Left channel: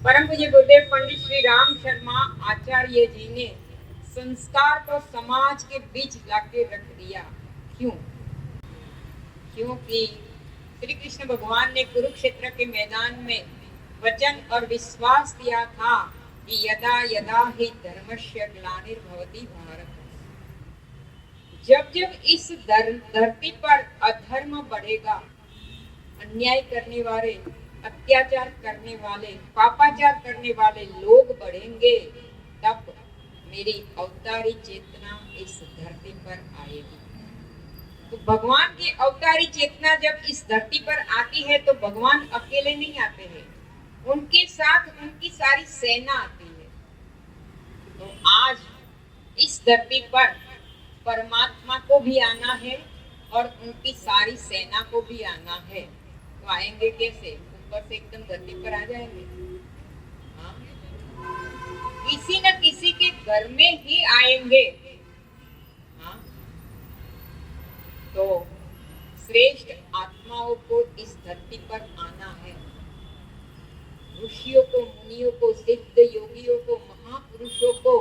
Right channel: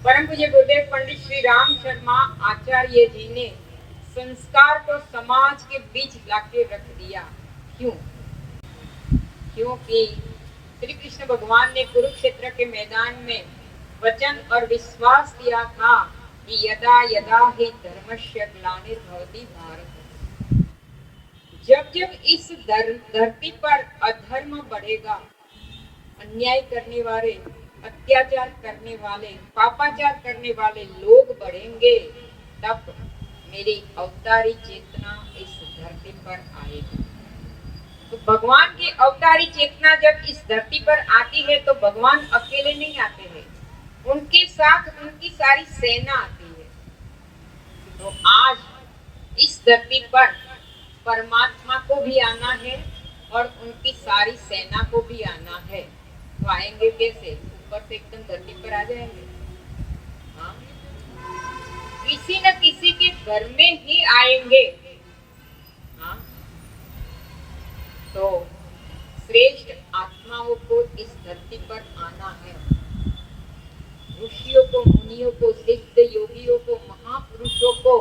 परम पूज्य गुरुदेव पंडित श्री राम शर्मा आचार्य जी ने संस्कार को समाज के बीच लाके रख दिया। क्यों? क्योंकि श्री कृष्ण भगवान ने कुरुक्षेत्र के मैदान में वचन और विश्वास दिया था कि यदा यदा ही धर्मस्य ग्लानिर्भवति भारत, जब जब इस धरती पर अधर्म बढ़ेगा, अन्याय करने वाले, अत्याचार करने वाले, पापाचार करने वाले लोग बढ़ेंगे, तब मेरी अवतारी चेतना इस धरती पर आएगी। तो भगवान की अवतारी चेतना जब इस धरती पर आती है तो भगवान अकेले नहीं आते हैं, उनके साथ उनकी सारी सेना आती है। तो आज इस धरती पर परमात्मा को भी आना है और उनकी सारी सेना को भी आना है। तो आएंगे कैसे? ऊपर से एकदम धरती पर आ जाएंगे? हाँ, किसी न किसी के घर में ही आएंगे। हाँ, तो श्रेष्ठ आत्माओं को इस धरती पर आना है। ऋषियों को, मुनियों को, सिद्ध योगियों को, महापुरुषों को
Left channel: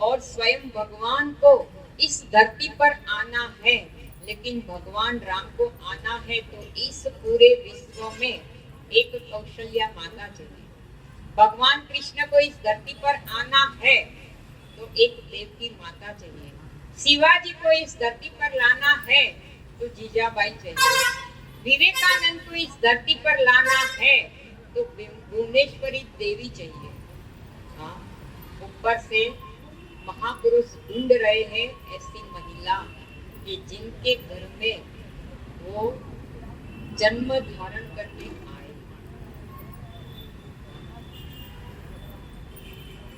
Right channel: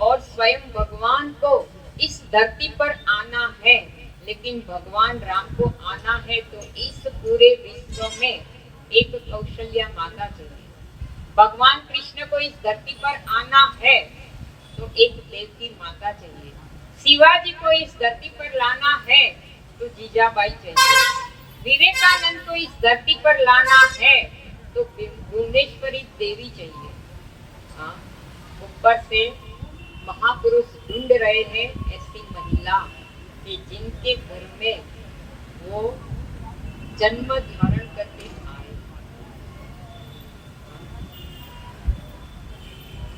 और स्वयं भगवान को इस धरती पर आना है। लेकिन भगवान राम को आना है तो इस पूरे विश्व में एक कौशल्या माता चाहिए। भगवान कृष्ण को इस धरती पर आना है तो एक देवकी माता चाहिए। शिवाजी को इस धरती पर लाना है तो जीजाबाई चाहिए। विवेकानंद को इस धरती पर लाना है तो भुवनेश्वरी देवी चाहिए। हाँ, ऊपर से महापुरुष ढूंढ रहे हैं ऐसी महिला कि जिनके घर में वो जन्म धारण करके आए।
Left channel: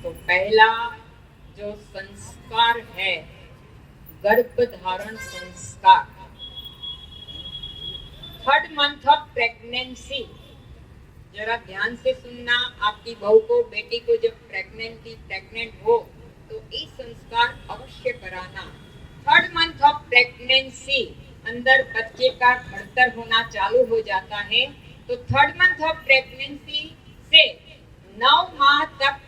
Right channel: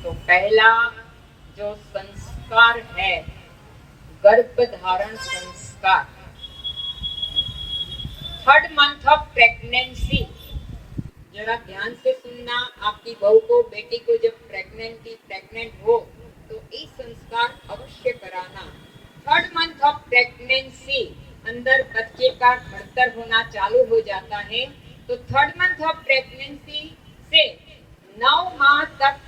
तो पहला जो संस्कार है गर्भ धारण संस्कार। 3rd month ऑफ प्रेगनेंसी, जरा ध्यान से सुनना। आपकी बहू को, बेटी को जब प्रेग्नेंट हो तो ये संस्कार अवश्य कराना। 3rd month ऑफ प्रेगनेंसी अंदर बच्चे का घड़तर होना चालू हो जाता है। तो 3rd month ऑफ प्रेगनेंसी से 9 माह तक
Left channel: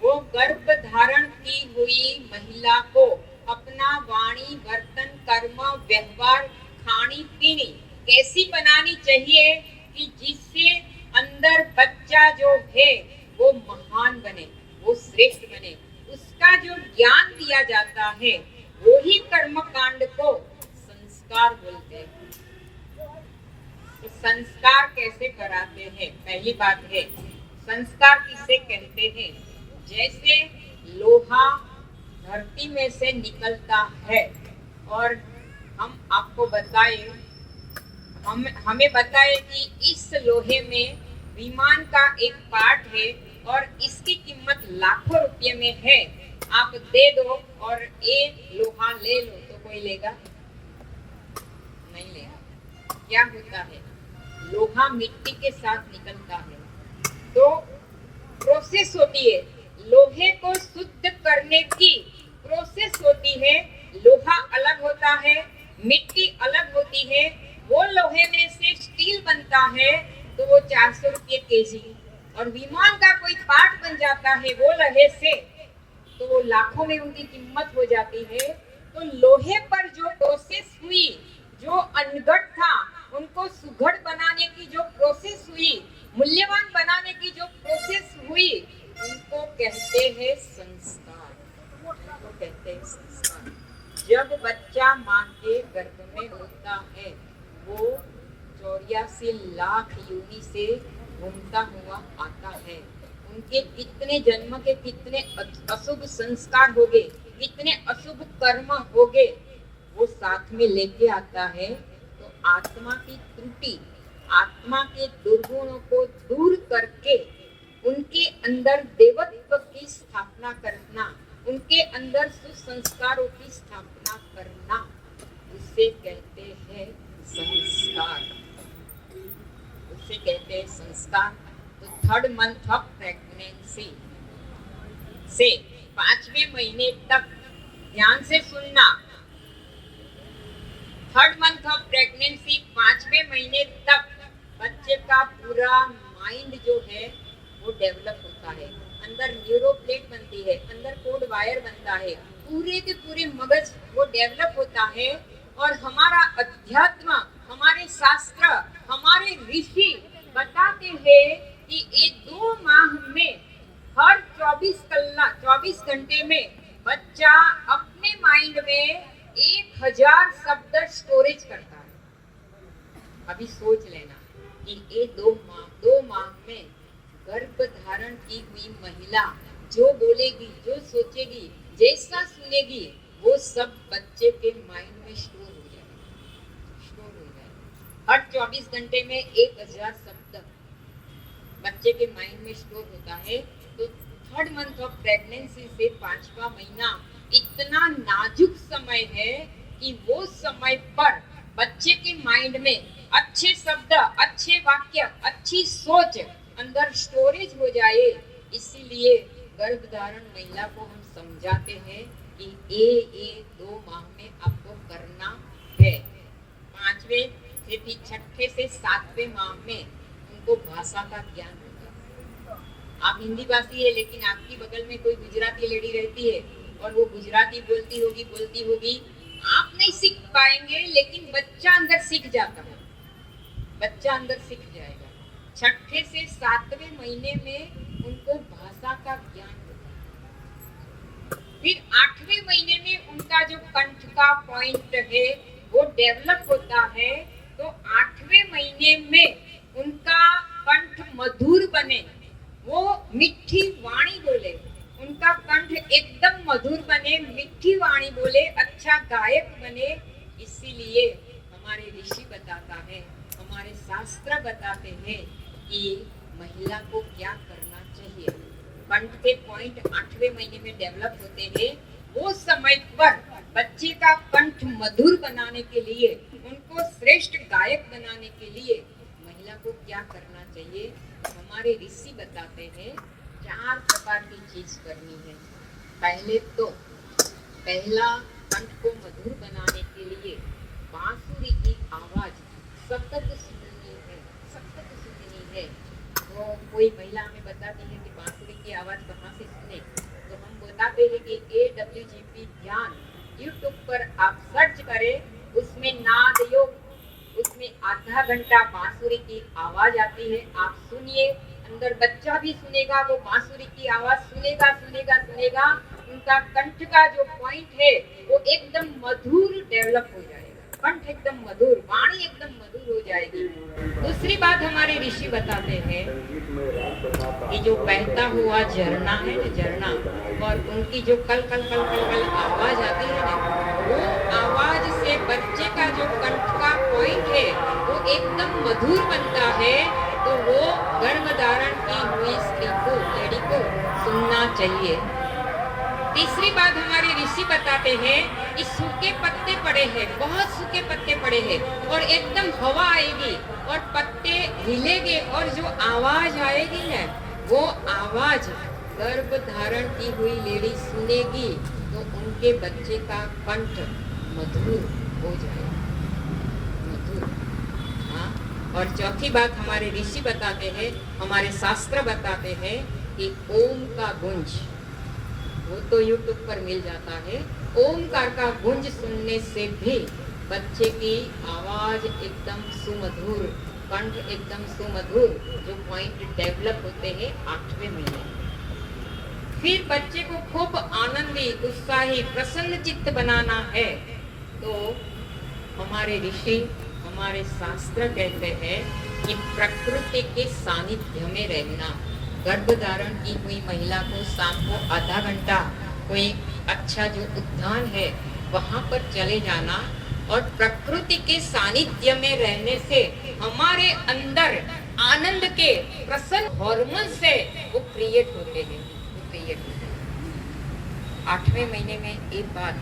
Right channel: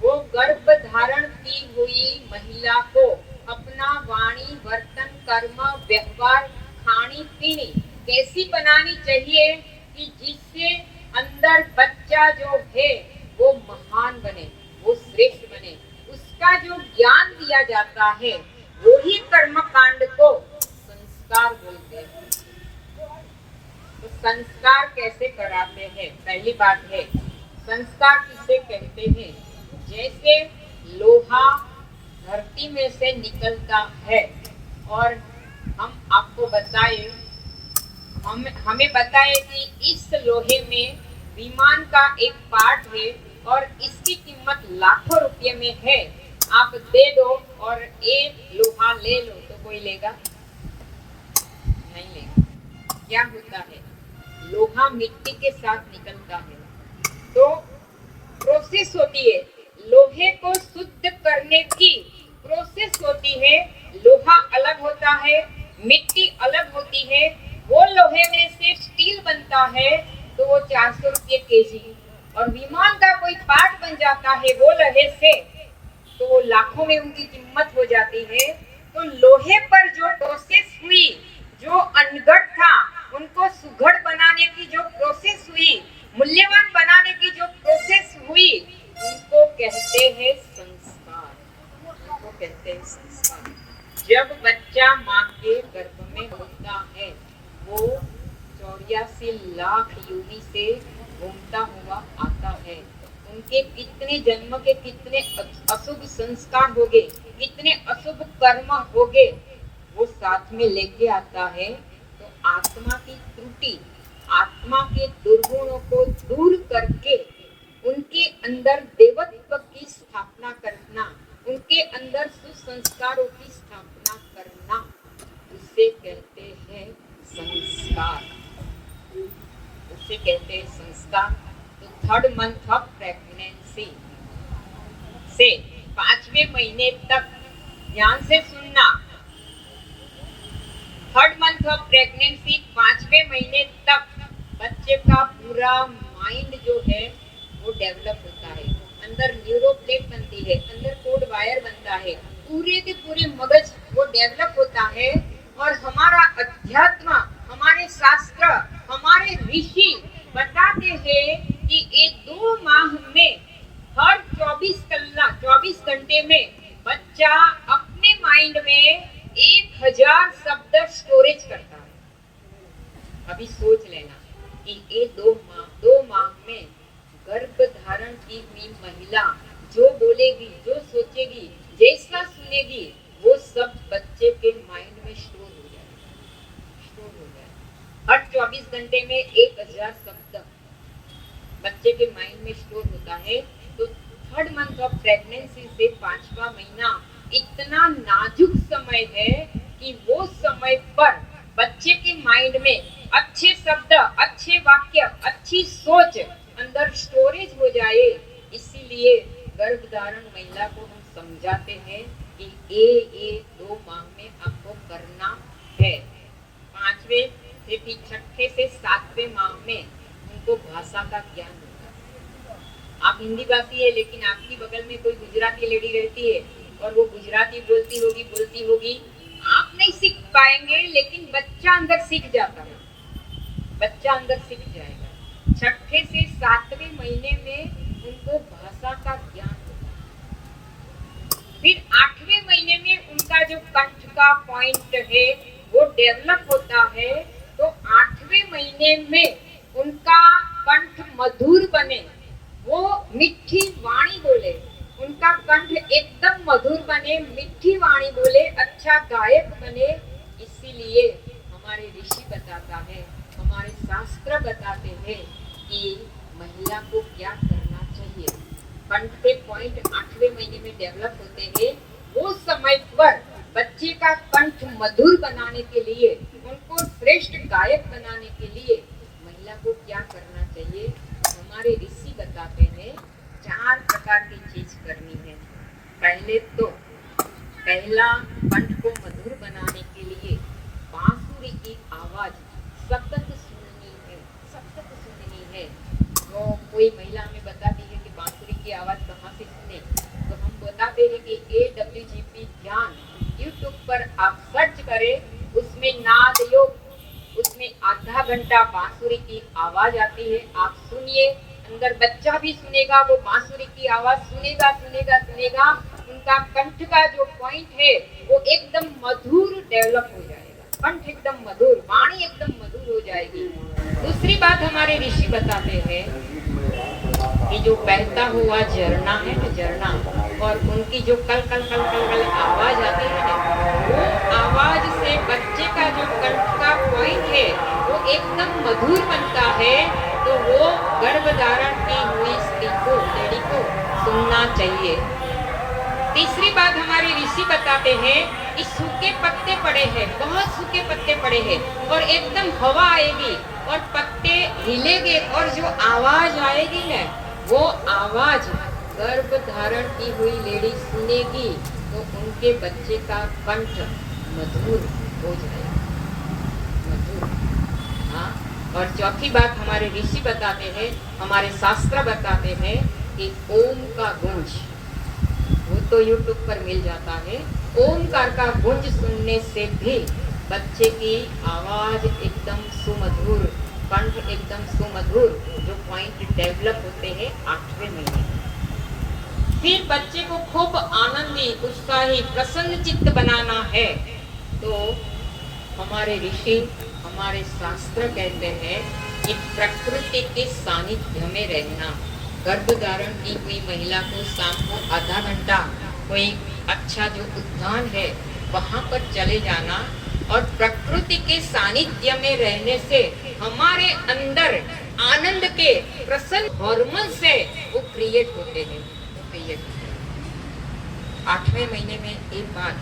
वो गर्भ धारण की हुई महिला को अपना वाणी, वर्तन, कर्म, व्यवहार, खानी पीनी कैसी बनानी चाहिए कि जिससे अंदर बच्चा जो है वो महान बने, वो श्रेष्ठ बने। उसका जो ज्ञान दिया जाता है वो ही कर्म कांड को संस्कार बोलते हैं। तो संस्कार कैसे कराते हैं? पहली बात है संस्कार किसे कहते हैं? जैसे लोहा धरती में से निकलता है और हम आपको बताए, हमें बताए कि इस लोहे में विमान का एक पार्ट है और इसकी कीमत लाखों रुपये में है। आप दे दो और एक लोहा ले लो तो कोई लेगा? नहीं लेगा। क्या होता है? लोहा मिट्टी के साथ निकलता है तो प्रोसेस होती है, लोहे को शुद्ध करने की प्रोसेस होती है। लोहा अलग होता है, मिट्टी अलग होती है। वो लोहे में से स्टील बनता है तो वो 400 रुपये केजी, और विमान का कोई पार्ट बन जाता है वो लोहे से तो वो लाखों में उनकी कीमत हो जाती है। तो लोहे पर जो प्रोसेस हुई, जो अनगढ़ था उनको सुघड़ बनाने की जो प्रोसेस हुई, मूल्यवान बनाने की जो प्रोसेस हुई, उनको कहते हैं संस्कार। उनको कहते हैं संस्कार। जब बच्चा माँ के गर्भ में होता है वो 84 लाख योनि से घूमता हुआ आता है। उनके कितने जन्म के कितने अशुभ संस्कार हो गए, कितने अशुभ कर्म हो गए, वो साथ में लेके आता है। तो आत्मा की त्रुटि, आत्मा के दुर्गुणों को दूर करके उनके अंदर देवत्व की स्थापना करना, उनके अंदर सुसंस्कारों की स्थापना करना, उसे कहते हैं संस्कार। उसे कहते हैं संस्कार। तो 3rd month ऑफ प्रेगनेंसी से 5वें महीने तक ध्यान से सुनना। 3rd month ऑफ प्रेगनेंसी 5वें महीने तक बच्चे का पूरा माइंड जो है वो डेवलप होता है, अंदर न्यूरोप्लेट बनती है, अंदर कोड वायर बनता है, पूरे के पूरे मगज वो डेवलप होता है। और हमारा अध्यात्म, हमारे शास्त्र, हमारे ऋषि बताते हैं कि ये 2 माह में हर 24 घंटे में बच्चा अपने माइंड में 1000 शब्द स्टोरेज करता है। अभी सोच लेना कि ये 2 माह में गर्भ धारण की हुई महिला जो बोलेगी, जो सोचेगी, जैसा सुनेगी, वो सब बच्चे के माइंड में स्टोर हो जाएगा। हर 24 घंटे में 1000 शब्द बच्चे के माइंड में स्टोर होता है। तो 3rd मंथ ऑफ प्रेगनेंसी से 5वां महीना इतना नाजुक समय है कि वो समय पर बच्चे के माइंड में अच्छे शब्द, अच्छे वाक्य, अच्छी सोच अंदर स्टोरेज हो जाए। इसीलिए गर्भधारण महिला को हम समझाते हैं कि ये 2 माह में आपको करना है। 5वें से फिर 6ठे से 7वें माह में उनको भाषा का ज्ञान होता है। आप हिंदी भाषी है, लेकिन आपकी बगल में कोई गुजराती लेडी रहती है और वो गुजराती बोलती होगी, आप नहीं सीख पाएंगे, लेकिन बच्चा अंदर सीख जाता है, बच्चा अंदर सीख जाएगा। 6ठे से 7वें महीने में उनको भाषा का ज्ञान होता है। फिर 8वें महीने में उनका जो कंठ का पॉइंट है वो डेवलप होता है। तो 8वें महीने में उनका कंठ मधुर बने, वो मीठी वाणी बोले, उनका कंठ एकदम मधुर बने, मीठी वाणी बोले, अच्छा गायक बने। इसीलिए हमारे ऋषि बताता है, हमारे शास्त्र बताते हैं कि महिला को क्या करना चाहिए। कंठ के पॉइंट 8वें महीने में डेवलप होते हैं। वो समय पर बच्चे का कंठ मधुर बनाने के लिए, उनको श्रेष्ठ गायक बनाने के लिए महिला को क्या करना चाहिए, हमारे ऋषि बताते हैं 4 प्रकार की चीज करनी है। पहला कंठ को मधुर बनाने के लिए बांसुरी की आवाज सतत सुननी है। तो कोई महिला हमें बताती है कि बांसुरी की आवाज कहाँ से सुने, तो हम बताते हैं कि AWGP ध्यान यूट्यूब पर आप सर्च करें, उसमें नाद योग, उसमें आधा घंटा बांसुरी की आवाज आती है, आप सुनिए। अंदर बच्चा भी सुनेगा, वो बांसुरी की आवाज सुनेगा। उनका कंठ का जो पॉइंट है वो एकदम मधुर डेवलप हो जाएगा, कंठ एकदम मधुर, वाणी एकदम मधुर हो जाएगी। दूसरी बात हमारे ऋषि बताते हैं कि जो बहता हुआ झरना है ना, झरना, और उनकी जो कल आवाज आती है ना, वो आवाज से बच्चे का जो कंठ का पॉइंट है वो एकदम मधुर बनता है। तो वो गर्भधारण की हुई स्त्री को, लेडी को सुनना चाहिए। तीसरी बात हमारे ऋषि बताते हैं कि सूखे पत्ते पड़े हैं, बहुत सूखे पत्ते पड़े हैं, और एकदम हवा आएगी और पत्ते हिलेंगे और जो आवाज आएगी ना, वो आवाज गर्भ धारण की हुई लेडी सुनेगी तो उनके बच्चे का कंठ मधुर हो जाएगा, मधुर। हाँ, और चौथी बात हमारे ऋषि बताते हैं, हमारे शास्त्र बताते हैं कि ओम का गुंज, वो तो यूट्यूब पर मिल जाता है, ओमकार का गुंज सुनने से भी बच्चे की आवाज एकदम सुमधुर, कंठ एकदम सुमधुर, जो पॉइंट डेवलप होते हैं 8वें महीने। फिर बच्चे को खूब आनंदी, उत्साही, प्रसन्न चित्त बनाना है तो हमारे ऋषि, हमारे शास्त्र कहते हैं कि प्रकृति के सानिध्य में रहना। गर्भधारण की हुई महिला को शाम को आधा घंटा कोई अच्छा जो उद्यान है वहां पर चले जाना, और प्रकृति के सानिध्य में रहने से हमारे अंदर आनंद के प्रसन्न हार्मोन से वो क्रिएट होते हैं, 8वें महीने में एक बात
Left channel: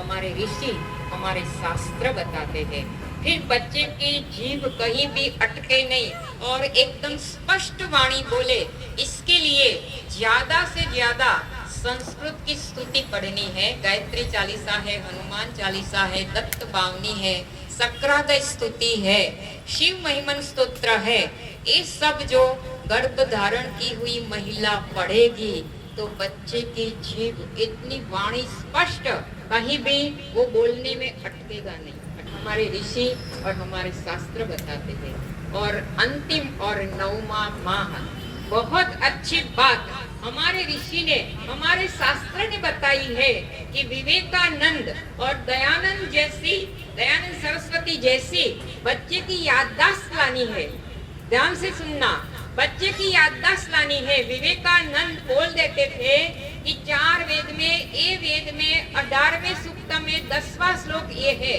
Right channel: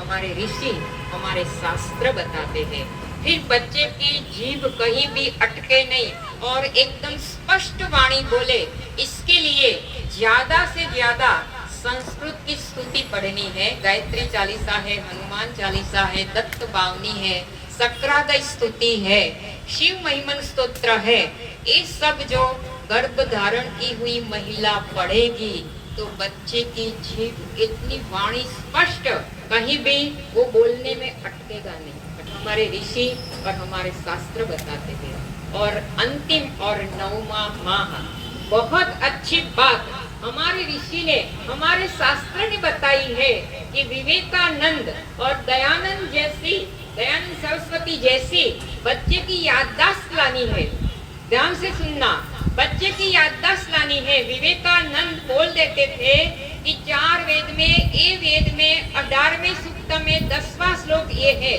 हमारे ऋषि, हमारे शास्त्र बताते हैं। फिर बच्चे की जीभ कहीं भी अटके नहीं और एकदम स्पष्ट वाणी बोले, इसके लिए ज्यादा से ज्यादा संस्कृत की स्तुति पढ़नी है। गायत्री चालीसा है, हनुमान चालीसा है, दत्त बावनी है, सक्रादय स्तुति है, शिव महिमन स्तोत्र है। ये सब जो गर्भ धारण की हुई महिला पढ़ेगी तो बच्चे की जीभ इतनी वाणी स्पष्ट, कहीं भी वो बोलने में अटकेगा नहीं। हमारे ऋषि और हमारे शास्त्र बताते हैं। और अंतिम और 9वां माह, बहुत अच्छी बात हमारे ऋषि ने, हमारे शास्त्र ने बताई है कि विवेकानंद और दयानंद सरस्वती जैसी बच्चे की याददाश्त लानी है। ध्यान से सुनना, बच्चे की याददाश्त लानी है। विवेकानंद बोल देते थे कि 4 वेद में, ए वेद में 18वें सूक्त में 10वां श्लोक ये है,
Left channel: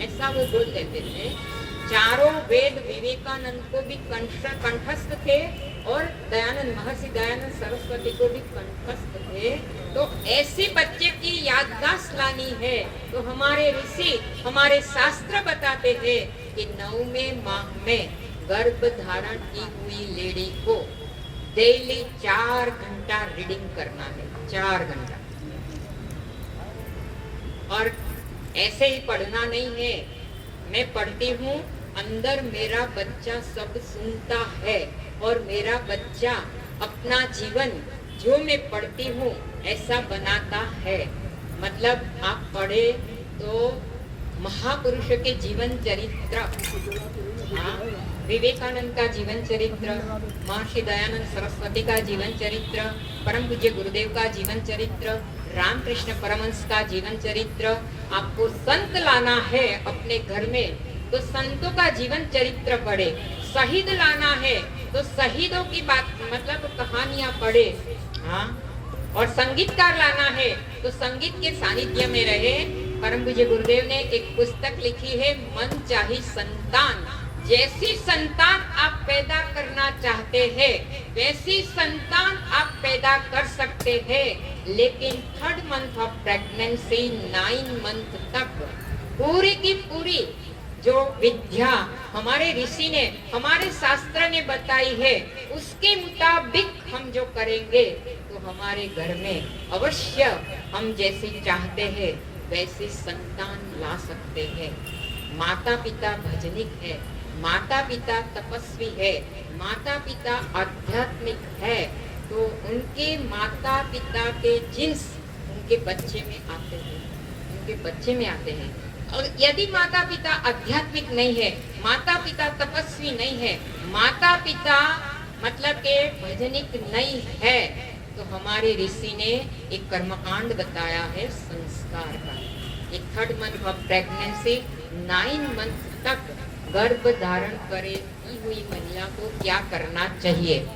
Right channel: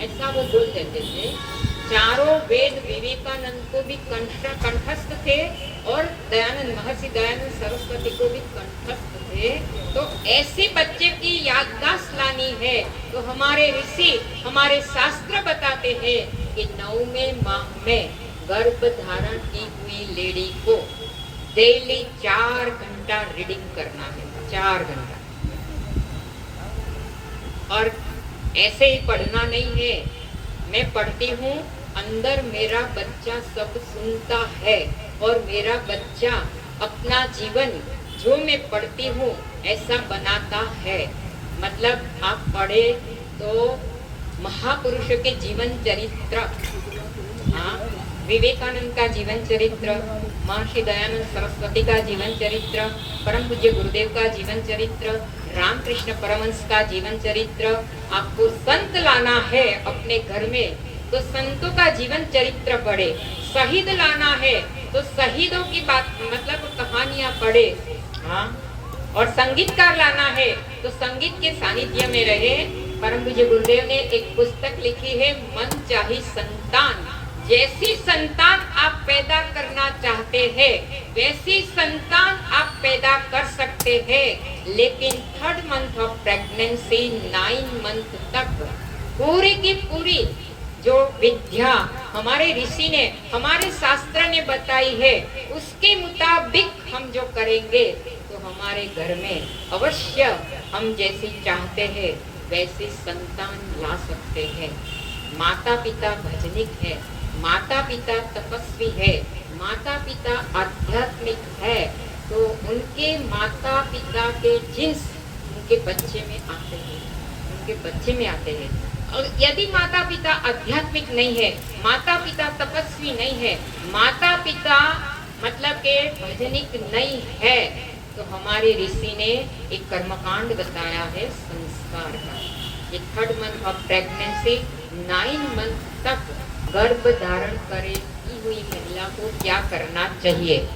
ऐसा वो बोल देते थे। चारों वेद विवेकानंद को भी कंठस्थ थे और महर्षि दयानंद सरस्वती को भी कंठस्थ थे। तो ऐसे बच्चे की याददाश्त लानी है तो हमारे ऋषि, हमारे शास्त्र बताते हैं कि 9वें माह में गर्भ धारण की हुई लेडी को डेली 4 घंटा रीडिंग करना है, 4 घंटा। और ऐसे ही पढ़ना नहीं है, मैं पढ़ती हूँ, अंदर मेरा बच्चा सब सुनता है और मेरा बच्चा अपना जीवन जो मैं पढ़ती हूँ ऐसा बनाता है। मतलब आप पढ़े तो महापुरुष के जीवन चरित्र, हाँ, विवेकानंद का जीवन चरित्र, महर्षि दयानंद सरस्वती का जीवन चरित्र, परम पूज्य गुरुदेव का जीवन चरित्र, रामकृष्ण परमहंस का जीवन चरित्र। आपको संत लाना है अपने घर में तो संतों का जीवन चरित्र पढ़े। शहीद लाना है तो शहीदों की बात, मतलब कहानियां पढ़े। हाँ, और संगीतकार लाना है तो संगीत के सानिध्य में रहे। परम पूज्य गुरुदेव ने एक पुस्तक लिखी है, मन चाही संतान। जैसी संतान आप पैदा करना चाहते हैं वैसी संतान आप पैदा कर सकते हैं, लेकिन 3rd month of pregnancy 9 month तक पूरी की पूरी जो विद्या हमारे ऋषि ने, हमारे शास्त्र ने बताई है उसके मुताबिक हम जो करेंगे तो हमारे घर में अवश्य हम जैसी चाहते हैं वैसी संतान ला सकते हैं। माता पिता भजनिक है, माता पिता तपस्वी है, माता पिता आध्यात्मिक है, तो उनके माता पिता के जिन्स उनके बच्चे में आते हैं, उनके बच्चे में आते हैं। और यदि माता पिता आध्यात्मिक नहीं है, माता पिता तपस्वी नहीं है, माता पिता मतलब के भजनिक नहीं है, तो हमारे ऋषि ने एक कर्मकांड बताया है संस्कार का। ये 3rd month of pregnancy 9 month तक गर्भ धारण करे की हुई महिला को क्या करना चाहिए।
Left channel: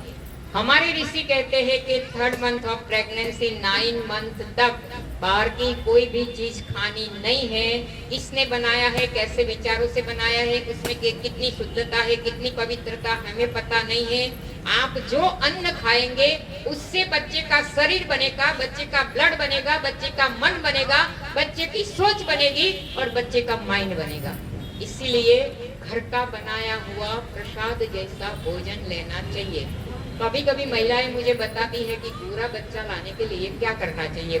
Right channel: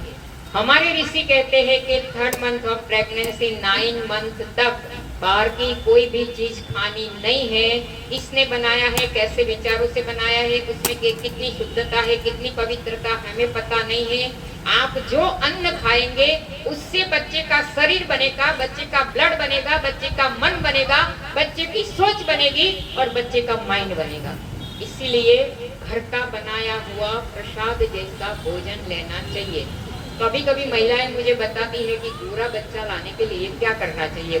हमारे ऋषि कहते हैं कि 3rd month of pregnancy 9 month तक बाहर की कोई भी चीज खानी नहीं है। किसने बनाया है, कैसे विचारों से बनाया है, उसमें कितनी शुद्धता है, कितनी पवित्रता हमें पता नहीं है। आप जो अन्न खाएंगे उससे बच्चे का शरीर बनेगा, बच्चे का ब्लड बनेगा, बच्चे का मन बनेगा, बच्चे की सोच बनेगी और बच्चे का माइंड बनेगा। इसीलिए घर का बनाया हुआ प्रसाद जैसा भोजन लेना चाहिए। कभी कभी महिलाएं मुझे बताती है कि गोरा बच्चा लाने के लिए क्या करना चाहिए,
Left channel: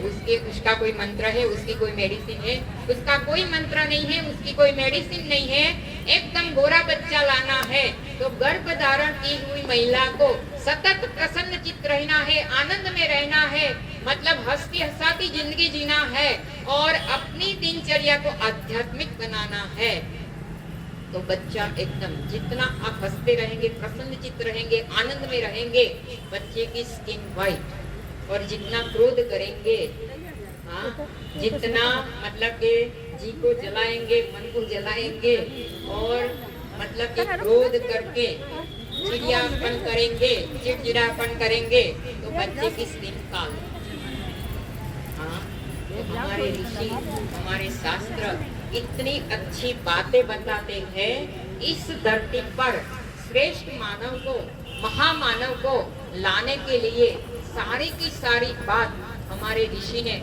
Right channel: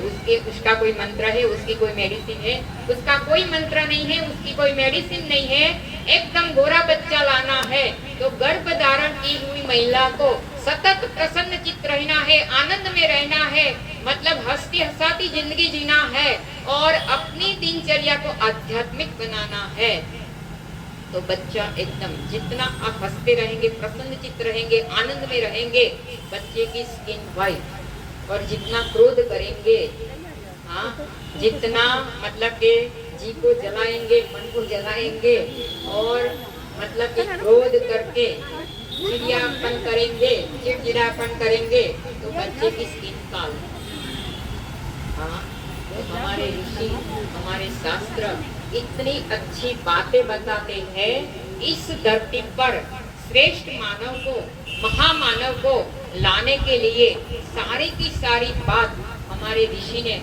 उसका कोई मंत्र है, उसकी कोई मेडिसिन है। उसका कोई मंत्र नहीं है, उसकी कोई मेडिसिन नहीं है। एकदम गोरा बच्चा लाना है तो गर्भ धारण की हुई महिला को सतत प्रसन्न चित्त रहना है, आनंद में रहना है, मतलब हंसती हंसाती जिंदगी जीना है और अपनी दिनचर्या को आध्यात्मिक बनाना है। तो बच्चा एकदम, जितना आप हंसते रहेंगे, प्रसन्न चित्त रहेंगे, आनंद में रहेंगे, बच्चे की स्किन वाइट। और जितना क्रोध करेंगे, हाँ, जितना मतलब के जी को जलाएंगे, मन को जलाएंगे और मतलब कि क्रोध करके चिड़ियापन करेंगे, चिड़चिड़ापन करेंगे तो बच्चे की स्किन काल। हाँ, तो हमारे ऋषि, हमारे शास्त्र इतनी अच्छी बातें बताते हैं। इस धरती पर श्रेष्ठ मानव को, महामानव को लाने के लिए सारी की सारी बात हमारे ऋषि ने